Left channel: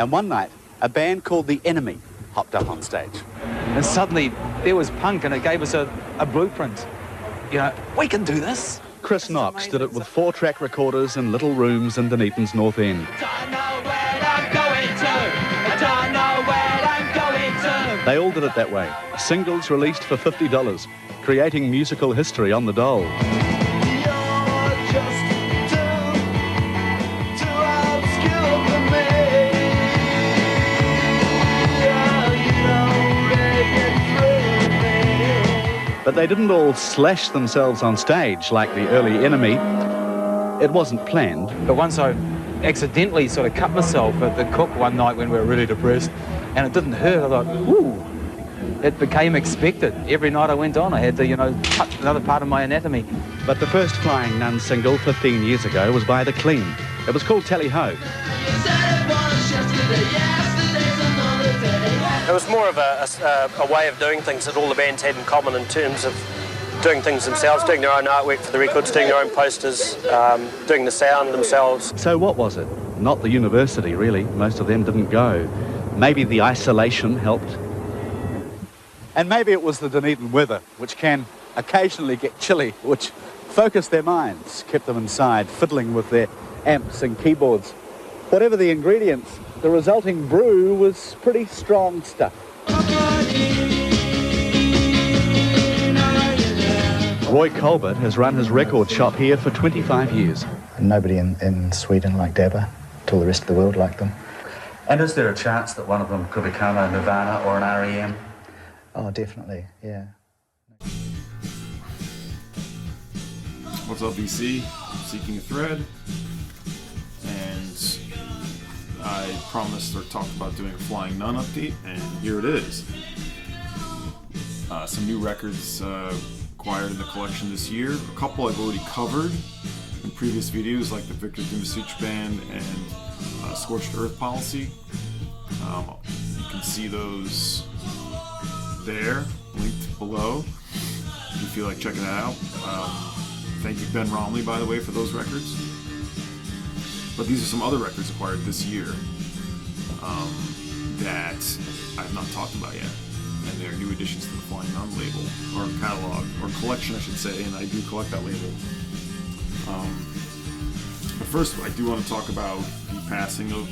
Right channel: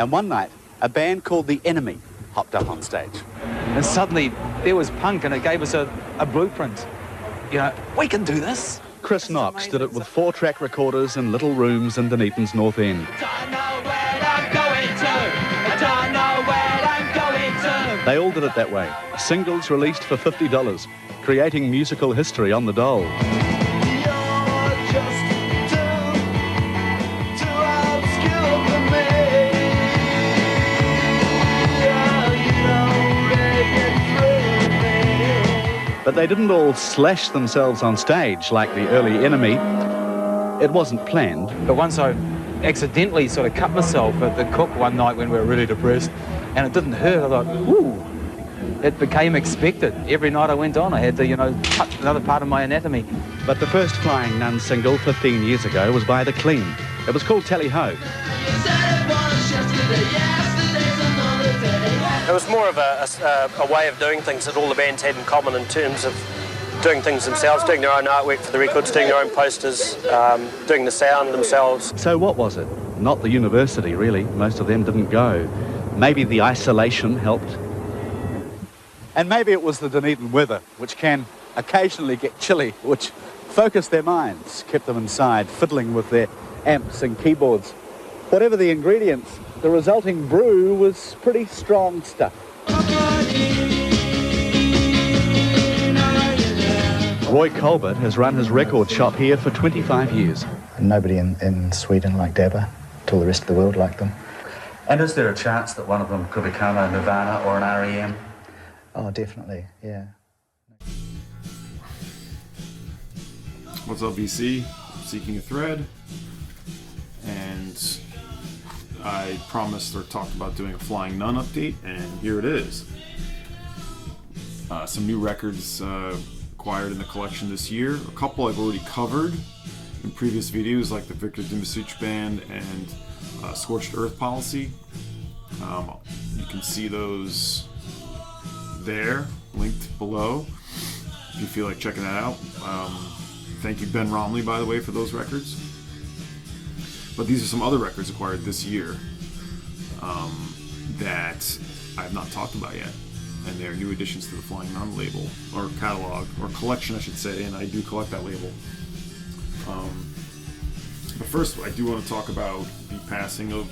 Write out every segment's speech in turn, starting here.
And one night, a band called The Enemy hopped up on stage. And suddenly, there was punk, and it gave us a blueprint. You know, we can do this. Chris Knox did it with 4-track recorders in little rooms in Dunedin's North End. They all did it that way. Singles released for $50, creating musical history on the dole. But they didn't all slash themselves on stage like the early Enemy. It wasn't planned. But once I accidentally sort of cut myself at the Cook one night when we were really depressed, and it didn't hurt, I thought, ooh, it became expected. Every night I went on, I had to, you know, touch another part of my anatomy. But the first Flying Nun single 15 years ago was by The Clean. It was called Tally Ho. It was more of a way of doing things that all the bands had in common in terms of doing things themselves, doing their own artwork for the records, doing their own posters, doing the sound themselves. So what was it? Not the university, really. Most of them didn't go. Maybe the isolation helped. And maybe it was the Dunedin weather, which can occasionally get chilly, which focused their minds, kept them inside, fiddling with their amps and keyboards. Whatever the ingredients, the resulting brew was pretty strong stuff. Roy Colbert has run his record shop here for 25 years. Nobody in Sweden liked ABBA, till the rest of the world liked them. And is there a chance that one of them could become a Nirvana or an R.E.M.? Oh, definitely, yeah. What's up, BC? Seeking a Thread. And I promised or talked about doing a Flying Nun update, and here it is. Some new records acquired in the collection this year. A couple I've already covered in previous videos, like the Victor Dimisich Band and Scorched Earth Policy. You can see those there, linked below, if you feel like checking that out. Thank you, Ben Romley, by the way, for those records. But these are some other records acquired this year that I have not talked about yet. And they're new additions to the Flying Nun label, or catalog, or collection, I should say, and I do collect that label. But first, I do want to talk about the passing of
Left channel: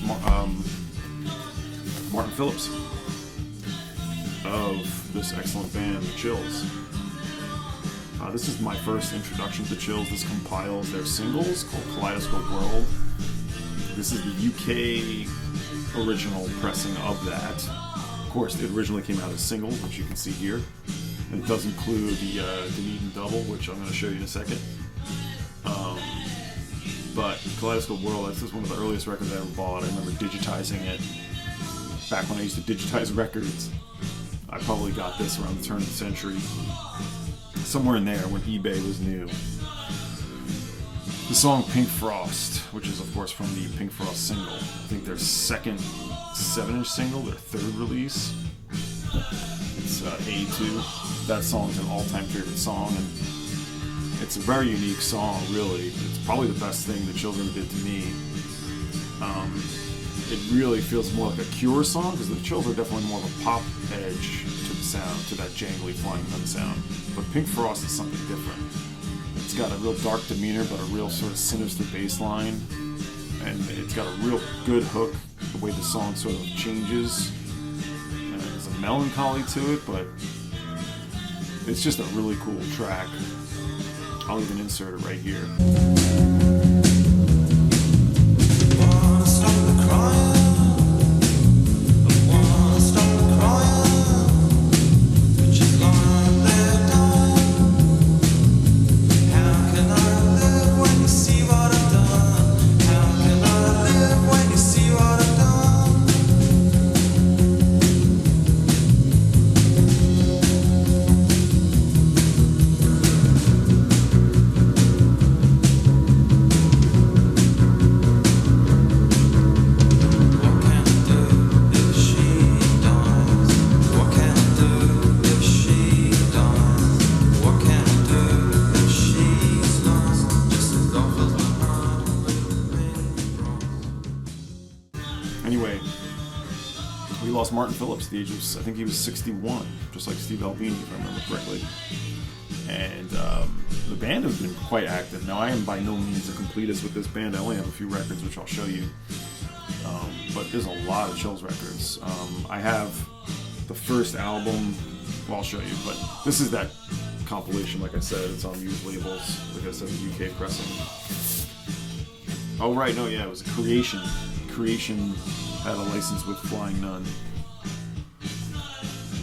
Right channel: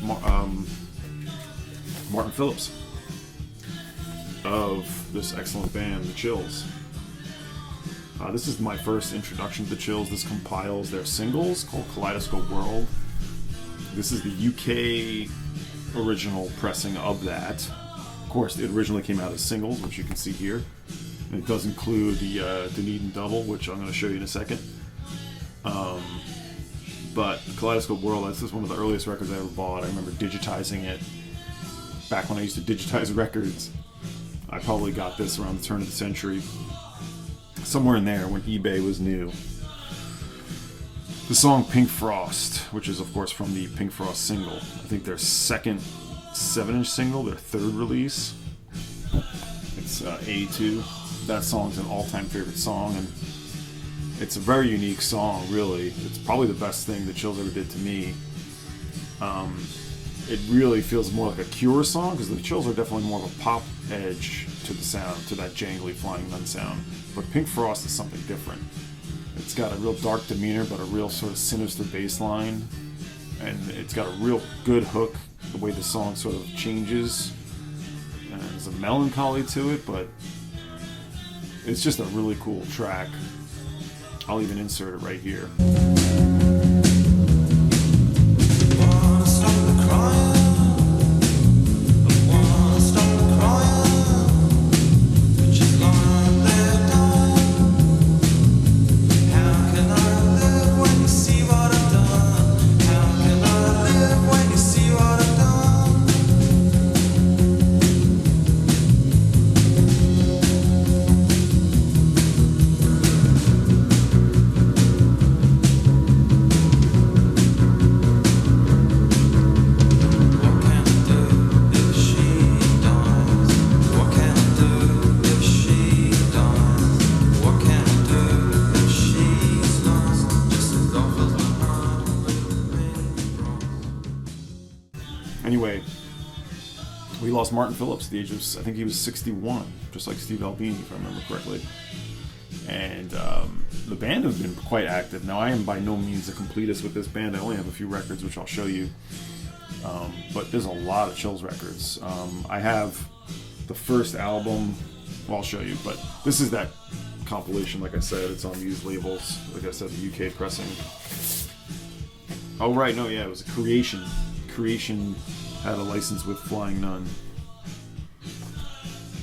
Martin Phillips, of this excellent band, The Chills. This is my first introduction to The Chills. This compiles their singles called Kaleidoscope World. This is the UK original pressing of that. Of course, it originally came out as singles, which you can see here. And it does include the Dunedin double, which I'm going to show you in a second. But Kaleidoscope World, this is one of the earliest records I ever bought. I remember digitizing it back when I used to digitize records. I probably got this around the turn of the century. Somewhere in there when eBay was new. The song Pink Frost, which is of course from the Pink Frost single. I think their second 7-inch single, their third release. It's A2. That song's an all-time favorite song, and it's a very unique song, really. It's probably the best thing that Chills ever did to me. It really feels more like a Cure song, because the Chills are definitely more of a pop edge to the sound, to that jangly Flying Nun sound. But Pink Frost is something different. It's got a real dark demeanor, but a real sort of sinister bass line. And it's got a real good hook, the way the song sort of changes. And there's a melancholy to it, but it's just a really cool track. I'll even insert it right here. Anyway, we lost Martin Phillips at the age of, I think he was 61, just like Steve Albini, if I remember correctly. And the band has been quite active. Now, I am by no means a completist with this band. I only have a few records, which I'll show you. But there's a lot of Chills records. I have the first album, well, I'll show you, but this is that compilation, like I said. It's on used labels. Like I said, the UK pressing. Oh, right, no, yeah, it was a Creation. Creation had a license with Flying Nun.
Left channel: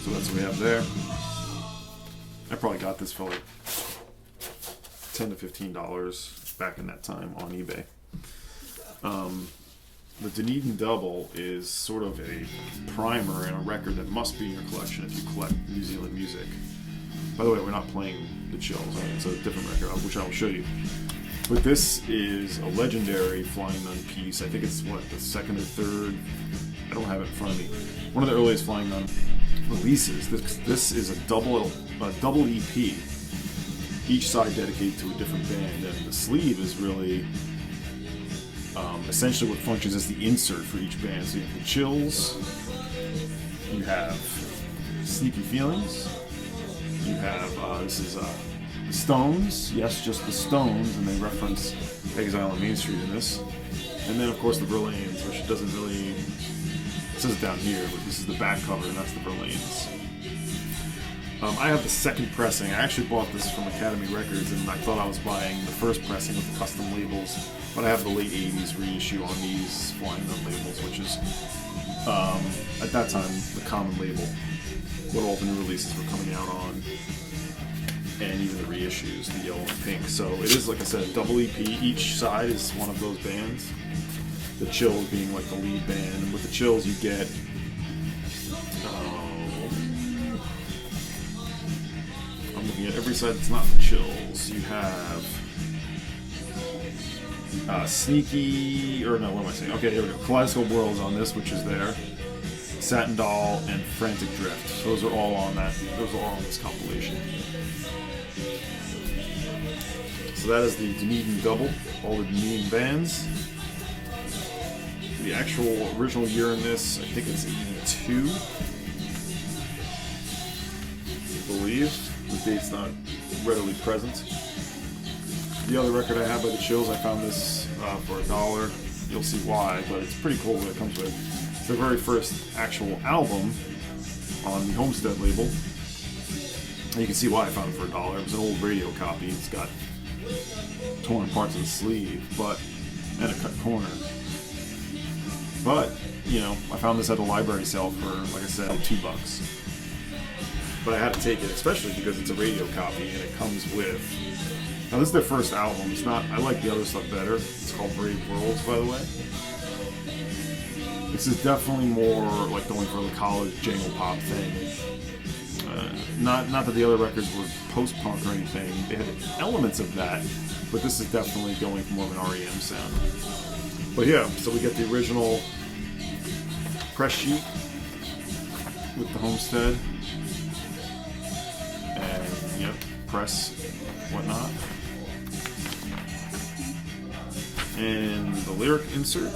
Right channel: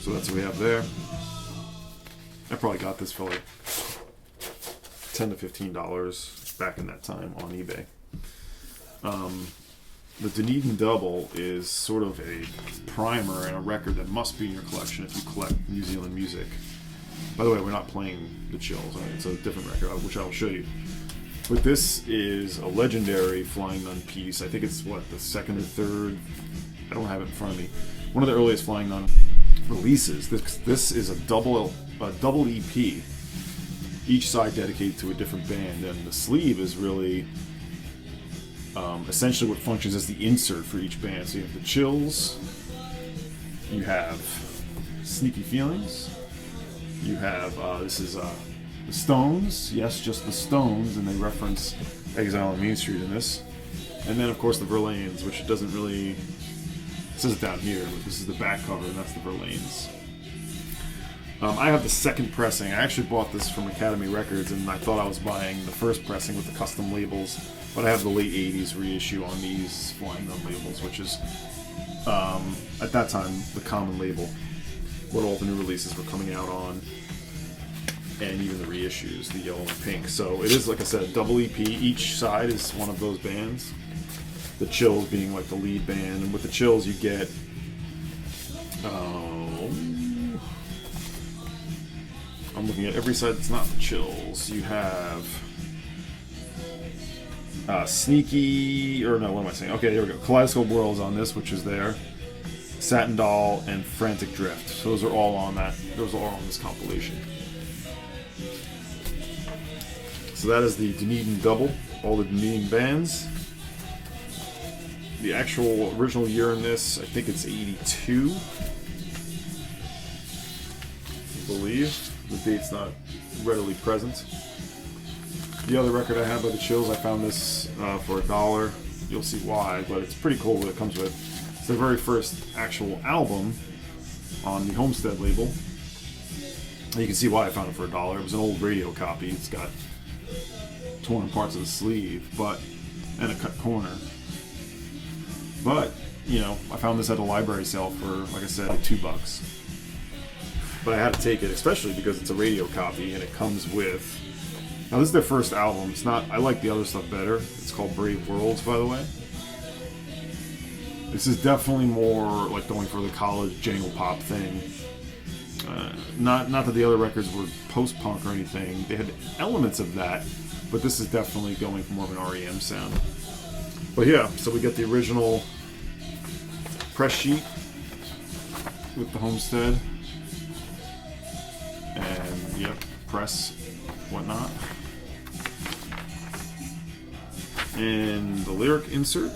So that's what we have there. I probably got this for like $10 to $15 back in that time on eBay. The Dunedin Double is sort of a primer and a record that must be in your collection if you collect New Zealand music. By the way, we're not playing the Chills. I mean, it's a different record, which I will show you. But this is a legendary Flying Nun piece. I think it's, what, the second or third? I don't have it in front of me. One of the earliest Flying Nun releases. This is a double EP, each side dedicated to a different band, and the sleeve is really essentially what functions as the insert for each band. So you have the Chills, you have Sneaky Feelings, you have this is the Stones, yes, just the Stones, and they reference Exile on Main Street in this, and then of course the Verlaines, which doesn't really, it says it down here, but this is the back cover, and that's the Verlaines. I have the second pressing. I actually bought this from Academy Records, and I thought I was buying the first pressing with the custom labels, but I have the late 80s reissue on these Flying Nun labels, which is, at that time, the common label, what all the new releases were coming out on, and even the reissues, the yellow and pink. So it is, like I said, a double EP. Each side is one of those bands. The Chills being like the lead band, and with the Chills you get I'm looking at every side that's not the Chills. You have Sneaky, or no, what am I saying? Okay, here we go. Kaleidoscope Worlds on this, which is there. Satin Doll and Frantic Drift. So those are all on that. Those are all on this compilation. So that is the Dunedin Double. All the Dunedin bands. The actual original year in this, I think it's 82. I believe. The date's not readily present. The other record I have by the Chills, I found this for $1. You'll see why, but it's pretty cool what it comes with. It's their very first actual album on the Homestead label. And you can see why I found it for $1. It was an old radio copy. It's got torn parts of the sleeve, and a cut corner. But, you know, I found this at a library sale for, like I said, $2. But I had to take it, especially because it's a radio copy and it comes with. Now this is their first album. It's not. I like the other stuff better. It's called Brave Worlds, by the way. This is definitely more like going for the college jangle pop thing. Not that the other records were post-punk or anything. They had elements of that, but this is definitely going for more of an REM sound. But yeah, so we get the original press sheet with the Homestead. And, yep, press, whatnot. And the lyric insert.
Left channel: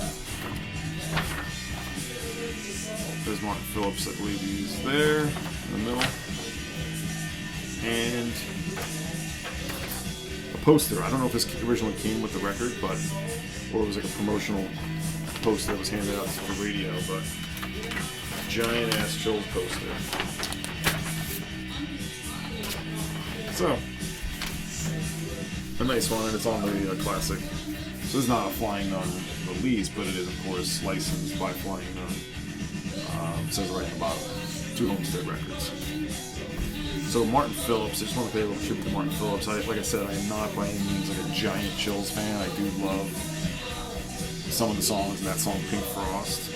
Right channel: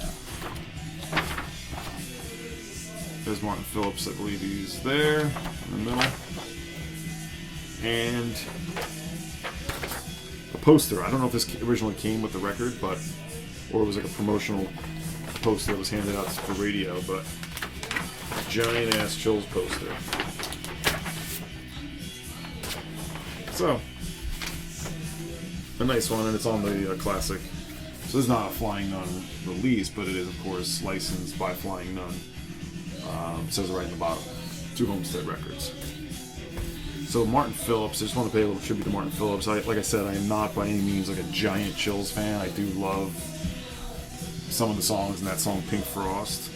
There's Martin Phillips, I believe he's there, in the middle. And a poster. I don't know if this originally came with the record, or it was like a promotional poster that was handed out for radio, but giant-ass Chills poster. So, a nice one, and it's on the classic. So this is not a Flying Nun release, but it is, of course, licensed by Flying Nun. It says it right in the bottom. 2 Homestead records. So Martin Phillips, I just want to pay a little tribute to Martin Phillips. Like I said, I am not by any means like a giant Chills fan. I do love some of the songs in that song Pink Frost.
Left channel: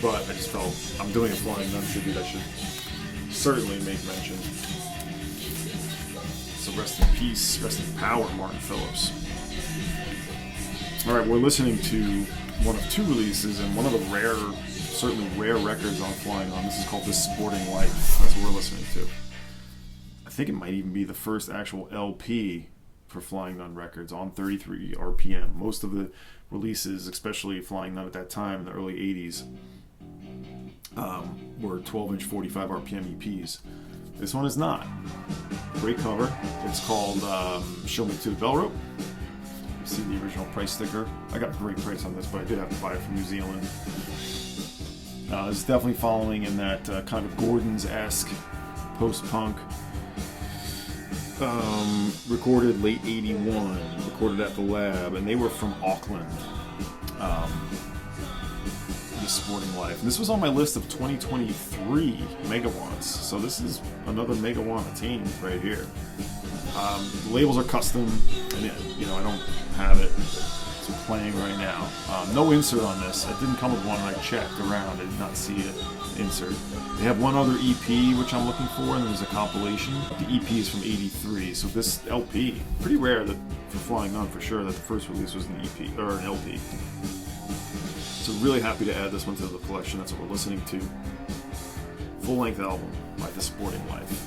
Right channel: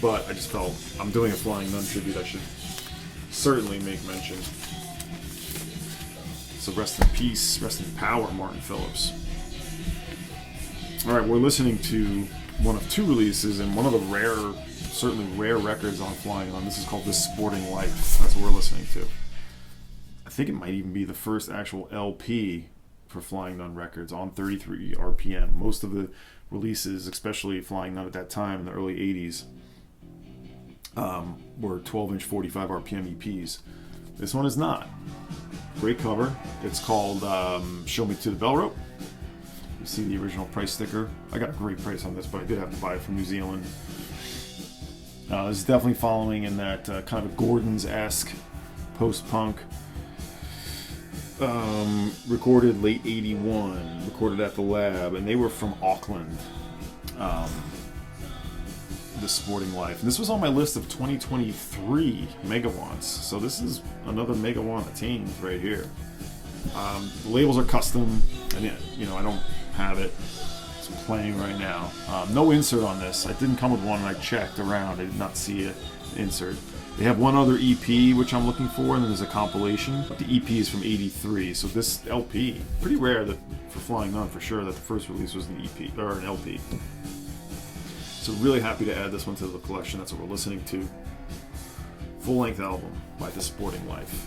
But I just felt, I'm doing a Flying Nun tribute, I should certainly make mention. So rest in peace, rest in power, Martin Phillips. Alright, we're listening to one of 2 releases and one of the certainly rare records on Flying Nun. This is called This Sporting Life. That's what we're listening to. I think it might even be the first actual LP for Flying Nun Records on 33 RPM. Most of the releases, especially Flying Nun at that time in the early 80s, were 12-inch 45 RPM EPs. This one is not. Great cover. It's called Show Me to the Bell Rope. You see the original price sticker. I got a great price on this, but I did have to buy it from New Zealand. This is definitely following in that kind of Gordon's-esque post-punk. Recorded late 81, recorded at the Lab, and they were from Auckland. The Sporting Life. And this was on my list of 2023 megawatts, so this is another megawatt attained right here. The labels are custom, and I don't have it. It's playing right now. No insert on this. I didn't come with one, and I checked around. I did not see an insert. They have one other EP, which I'm looking for, and then there's a compilation. The EP is from 83, so this LP, pretty rare that for Flying Nun for sure that the first release was an EP, or an LP. So really happy to add this one to the collection. That's what we're listening to. Full-length album by The Sporting Life.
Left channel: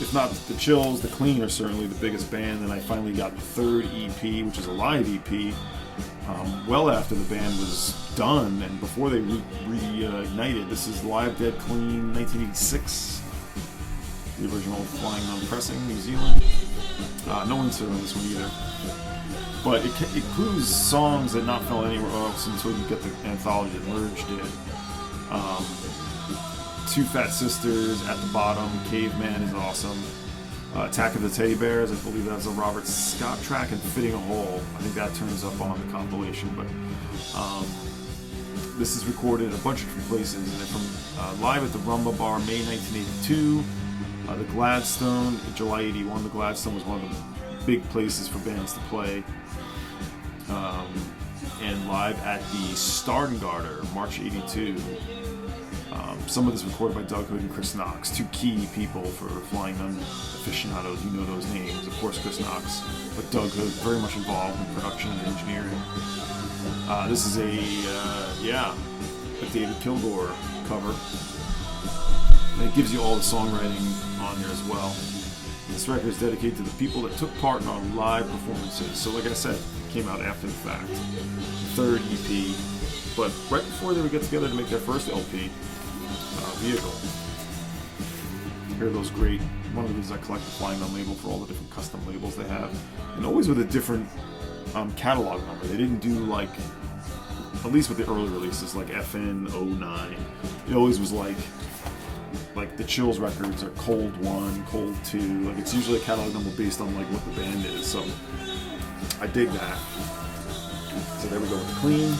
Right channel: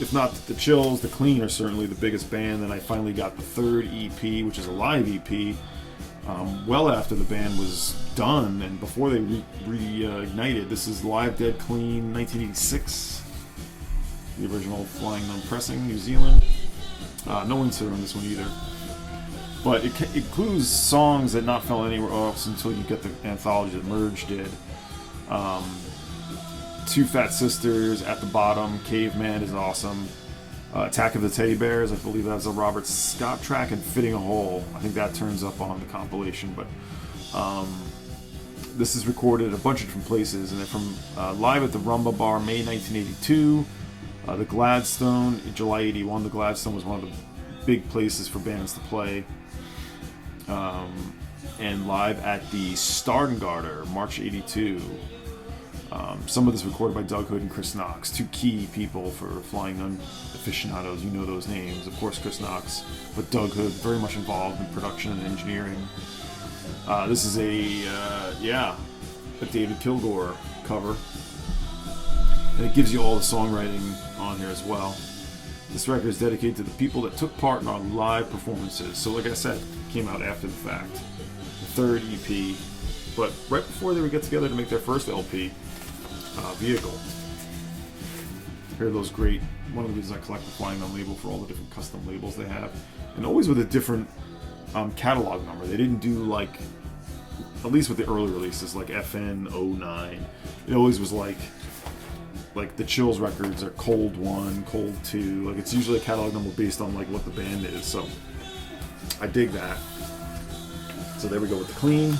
If not the Chills, the Clean are certainly the biggest band. Then I finally got the third EP, which is a live EP, well after the band was done and before they reignited. This is Live Dead Clean 1986. The original Flying Nun pressing, New Zealand. No insert on this one either. But it includes songs that not fell anywhere else until you get the anthology that Merge did. Two Fat Sisters at the bottom. Caveman is awesome. Attack of the Teddy Bears, I believe that's a Robert Scott track, and Fitting a Hole. I think that turns up on the compilation. But this is recorded a bunch of different places, and they're from live at the Rumba Bar, May 1982. The Gladstone, July 81. The Gladstone was one of the big places for bands to play. And live at the Starngarter, March 82. Some of this recorded by Doug Hood and Chris Knox, two key people for Flying Nun aficionados. You know those names, of course, Chris Knox, but Doug Hood very much involved in production and engineering. This is a David Kilgore cover, and it gives you all the songwriting on here as well. This record is dedicated to the people that took part in our live performances. So like I said, it came out after the fact. The third EP, but right before they would get together to make their first LP, Vehicle. Here are those great, one of the reasons I collect the Flying Nun label for all the different custom labels they have. And always with a different catalog number. They didn't do like, at least with the early releases, like FN09. It always was like the Chills records are Cold 1, Cold 2. Like it's usually a catalog number based on like what the band is. So I dig that. So there we go with the Clean.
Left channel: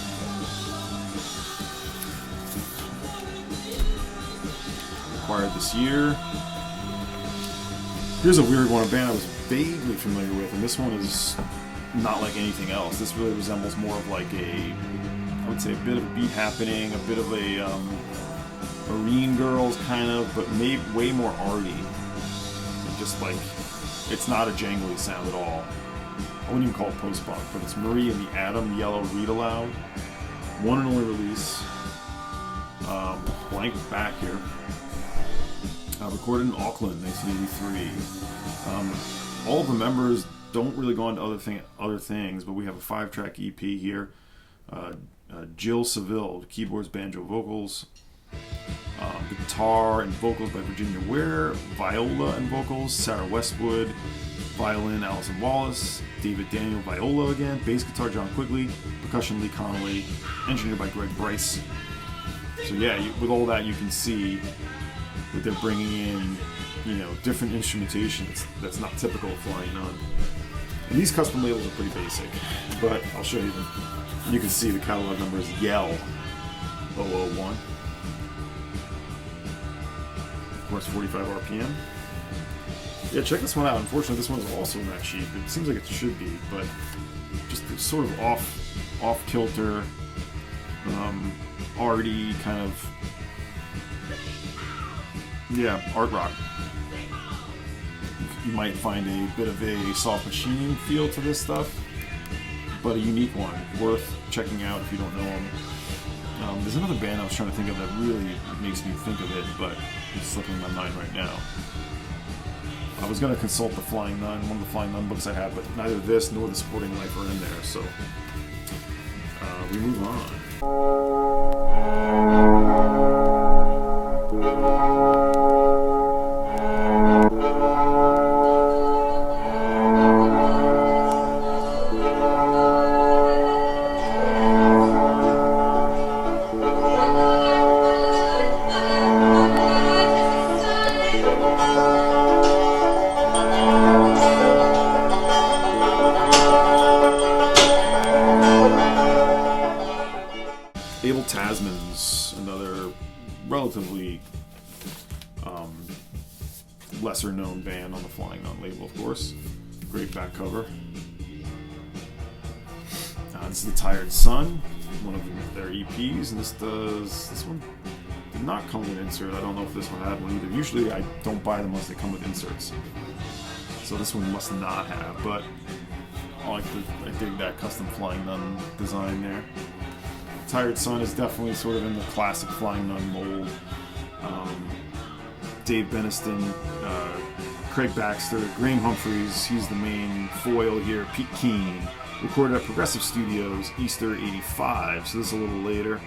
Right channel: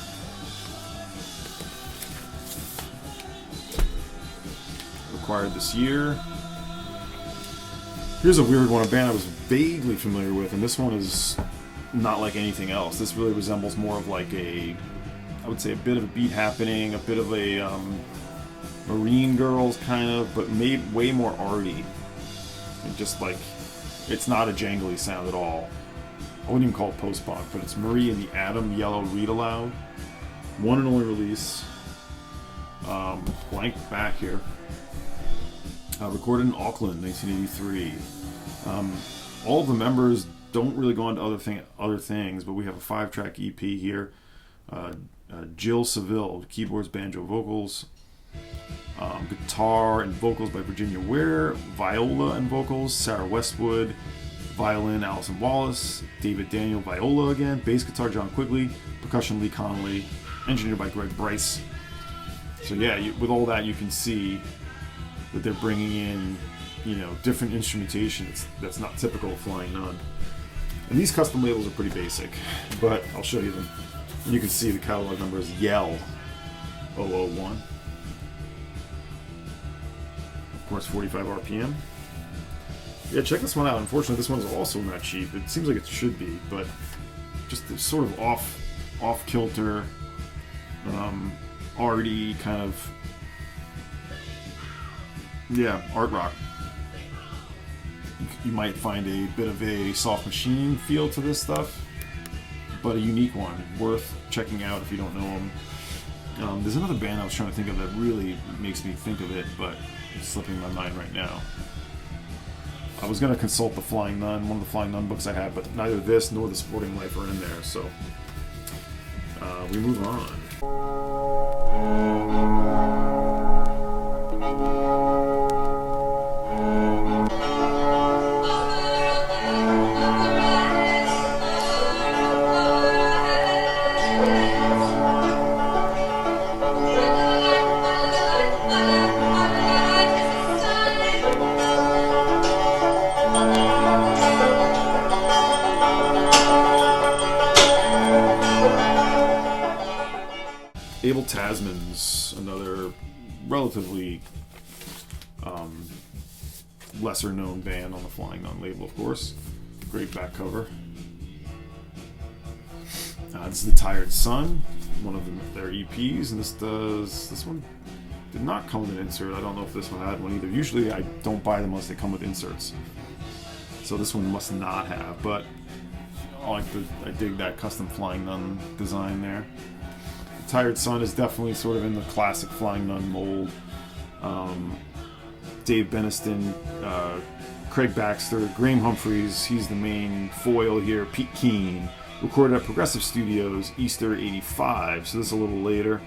Acquired this year. Here's a weird one, a band I was vaguely familiar with, and this one is not like anything else. This really resembles more of like I would say a bit of a beat happening, a bit of a Marine Girls kind of, but way more arty. And just like, it's not a jangly sound at all. I wouldn't even call it post-punk, but it's Marie and the Atom Yellow Read Aloud. One and only release. Blank back here. Recorded in Auckland, 1983. All of the members don't really go into other things, but we have a 5-track EP here. Jill Seville, keyboards, banjo, vocals. Guitar and vocals by Virginia Ware. Viola and vocals, Sarah Westwood. Violin, Allison Wallace. David Daniel, viola again. Bass guitar, John Quigley. Percussion, Lee Connolly. Engineered by Greg Bryce. So yeah, with all that you can see that they're bringing in, different instrumentation that's not typical of Flying Nun. And these custom labels are pretty basic, but I'll show you them. You can see the catalog number is Yell 001. Of course, 45 RPM. Yeah, check this one out. Unfortunately, this one's also not cheap. It seems like it should be, but just sort of off-kilter, arty kind of, art rock. You might find a bit of a soft machining feel to this stuff, but a unique one, worth checking out if you don't know them. There's another band I was trying to think of that really makes me think of it, but it's slipping my mind right now. I was going to consult the Flying Nun, one of the Flying Nun books I have, but neither this nor the Sporting Life are in there, so we move on. Abel Tasmans, another relatively lesser known band on the Flying Nun label, of course. Great back cover. This is The Tired Sun, one of their EPs, and this one did not come with an insert. I don't know if this one had one either. Usually I don't buy them unless they come with inserts. So this one must not have, but I dig that custom Flying Nun design there. The Tired Sun is definitely sort of in the classic Flying Nun mold. Dave Beniston, Craig Baxter, Graham Humphreys, he's the main foil here, Pete Keane. Recorded at Progressive Studios, Easter '85, so this is a little later.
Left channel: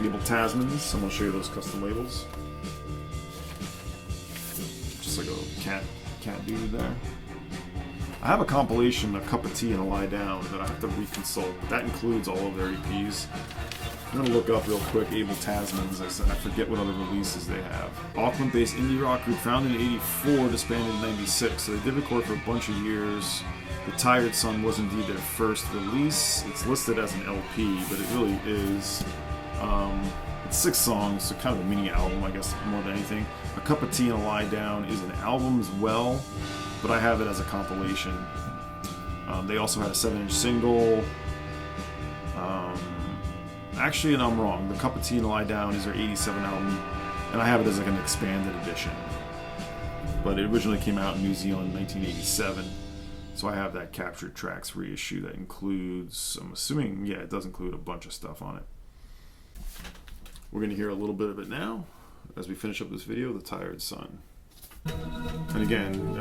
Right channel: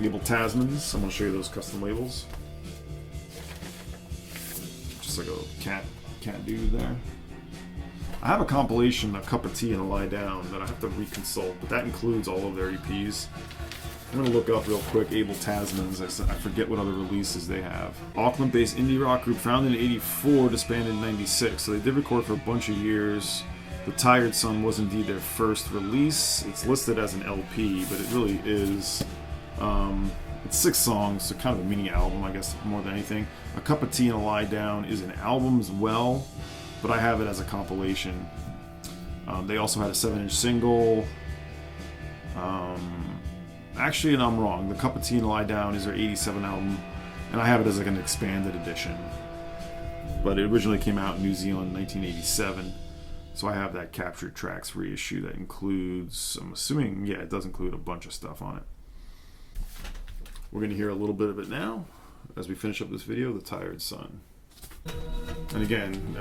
Abel Tasmans, I'm going to show you those custom labels. Just like a cat dude there. I have a compilation, A Cup of Tea and a Lie Down, that I have to reconsult, but that includes all of their EPs. I'm going to look up real quick Abel Tasmans. I forget what other releases they have. Auckland-based indie rock group founded in '84, disbanded in '96, so they did record for a bunch of years. The Tired Sun was indeed their first release. It's listed as an LP, but it really is. It's 6 songs, so kind of a mini album, I guess, more than anything. A Cup of Tea and a Lie Down is an album as well, but I have it as a compilation. They also had a 7-inch single. Actually, and I'm wrong. The Cup of Tea and a Lie Down is their '87 album, and I have it as like an expanded edition. But it originally came out in New Zealand in 1987, so I have that Captured Tracks reissue that includes, I'm assuming, yeah, it does include a bunch of stuff on it. We're going to hear a little bit of it now as we finish up this video, The Tired Sun. And again,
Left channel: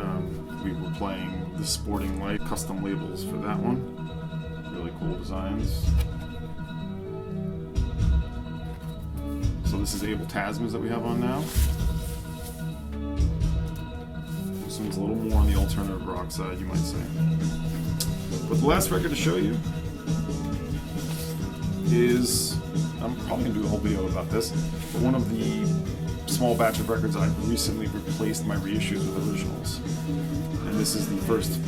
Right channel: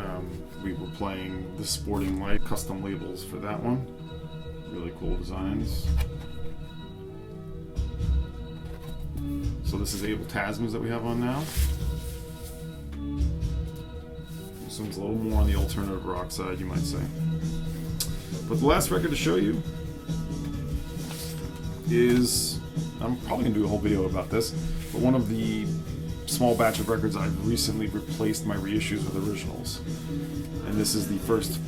we were playing the Sporting Light custom labels for that one. Really cool designs. So this is Abel Tasmans that we have on now. This one's a little more on the alternative rock side, you might say. But the last record to show you is, I'm probably going to do a whole video about this, but one of the small batch of records I've recently replaced my reissues with originals. And this is the first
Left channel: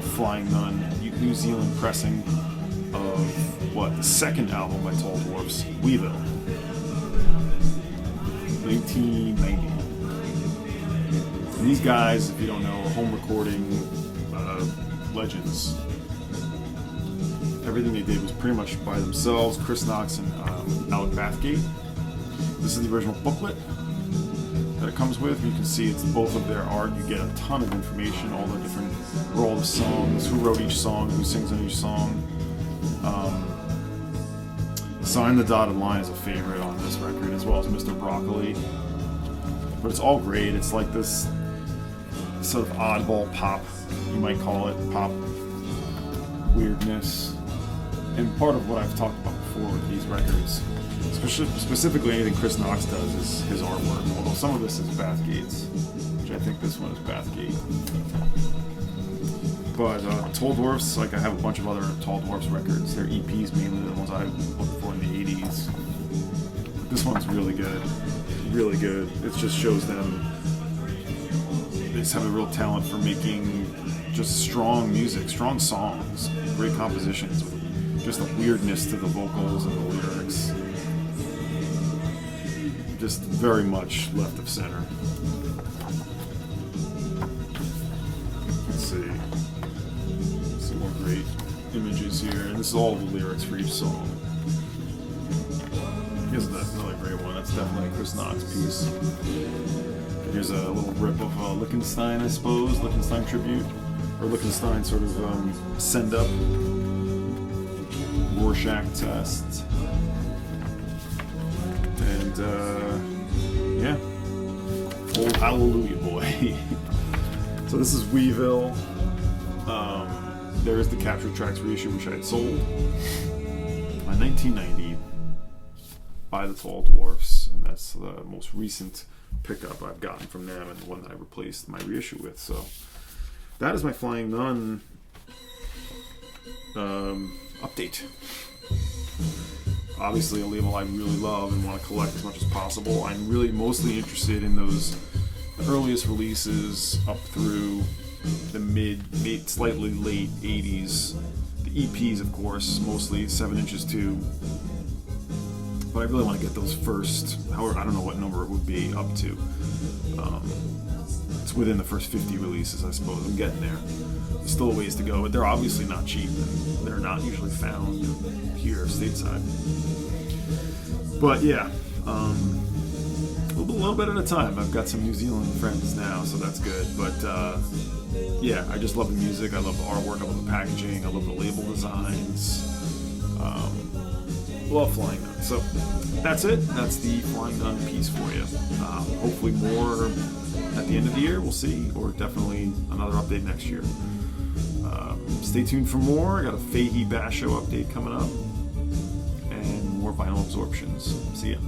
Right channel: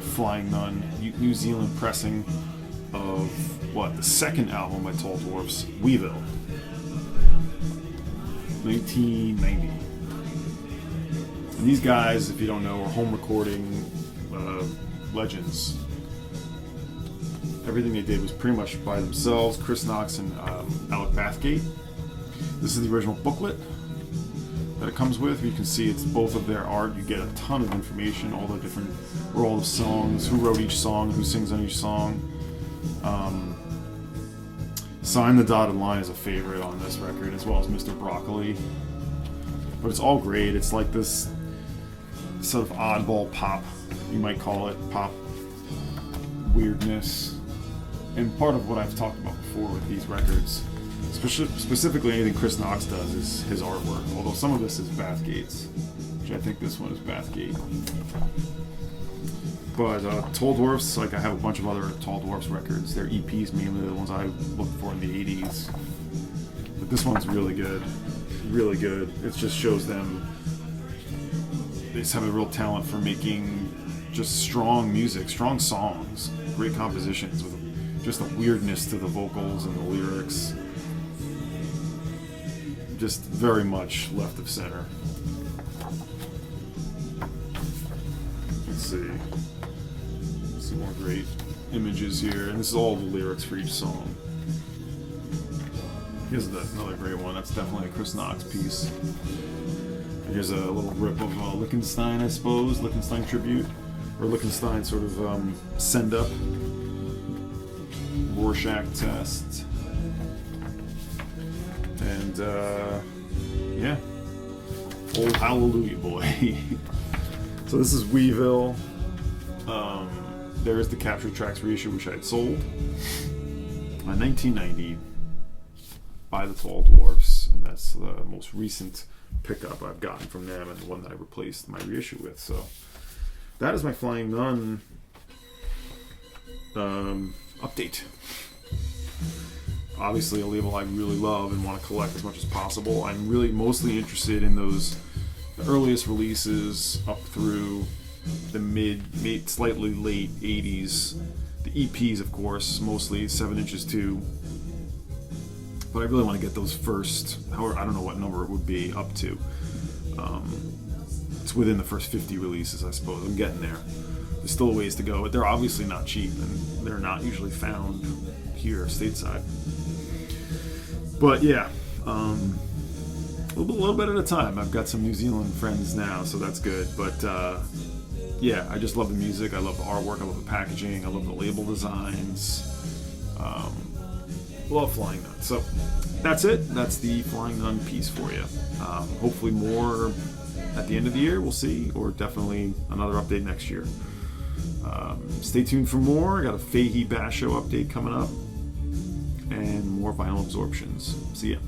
Flying Nun New Zealand pressing of, the second album by Tall Dwarfs, Weevil. 1990. And these guys, if you don't know, are home recording legends. Everything they did was pretty much by themselves. Chris Knox and Alec Bathgate. This is the original booklet that it comes with. You can see it's both of their art. You get a ton of information, all the different, where all the songs, who wrote each song, who sings on each song. Sign the Dotted Line is a favorite on this record, as well as Mr. Broccoli. But it's all great. It's like this sort of oddball pop, you might call it, pop weirdness. And part of what I've talked about before with these records, specifically anything Chris Knox does, is his artwork. Although some of this is Bathgate's, which I think this one is Bathgate. But Tall Dwarfs, like I have a bunch of other Tall Dwarfs records. They're EPs mainly, the ones I looked for in the 80s. But this one's really good. Really good. It just shows them, they just have a real talent for making just strong music, strong songs, great compositions with just a weirdness to the vocals and the lyrics. Just very much left of center. Let's see. Some more great images here, and this is all the lyrics for each song. Here's another great one. That's definitely a Chris Knox piece. And here's a little rip of Lichtenstein, I suppose, Lichtenstein tribute, or Lichtenstein sort of send up. Rorschach test, and yeah, old Hallelujah Boy. So this is Weevil. There is the Captured Tracks reissue, which I had sold in 1990 by the Tall Dwarfs, and that's the most recent pickup I've gotten from them, and the one that I replaced my reissue with. So that is my Flying Nun update. Obviously a label I really love and want to collect as much as possible. I'm really mostly interested in those earliest releases up through the mid, slightly late 80s, the EPs, of course, mostly 7 inches too. But I really want to get those first, however, I don't know what number it would be up to. It's within the first 50 releases, I suppose. I'm getting there. There's still a ways to go, but they're obviously not cheap, and they're not usually found here stateside. But yeah, a little bit at a time. I've got some New Zealand friends now, so that's good. But yeah, I just love the music. I love the artwork. I love the packaging. I love the label designs. Love Flying Nun. So that's it. That's the Flying Nun piece for you. Hopefully more at the end of the year. We'll see. Or definitely another update next year. Stay tuned for more. I got a Fahey Basho update coming up. And more vinyl absorptions. See ya.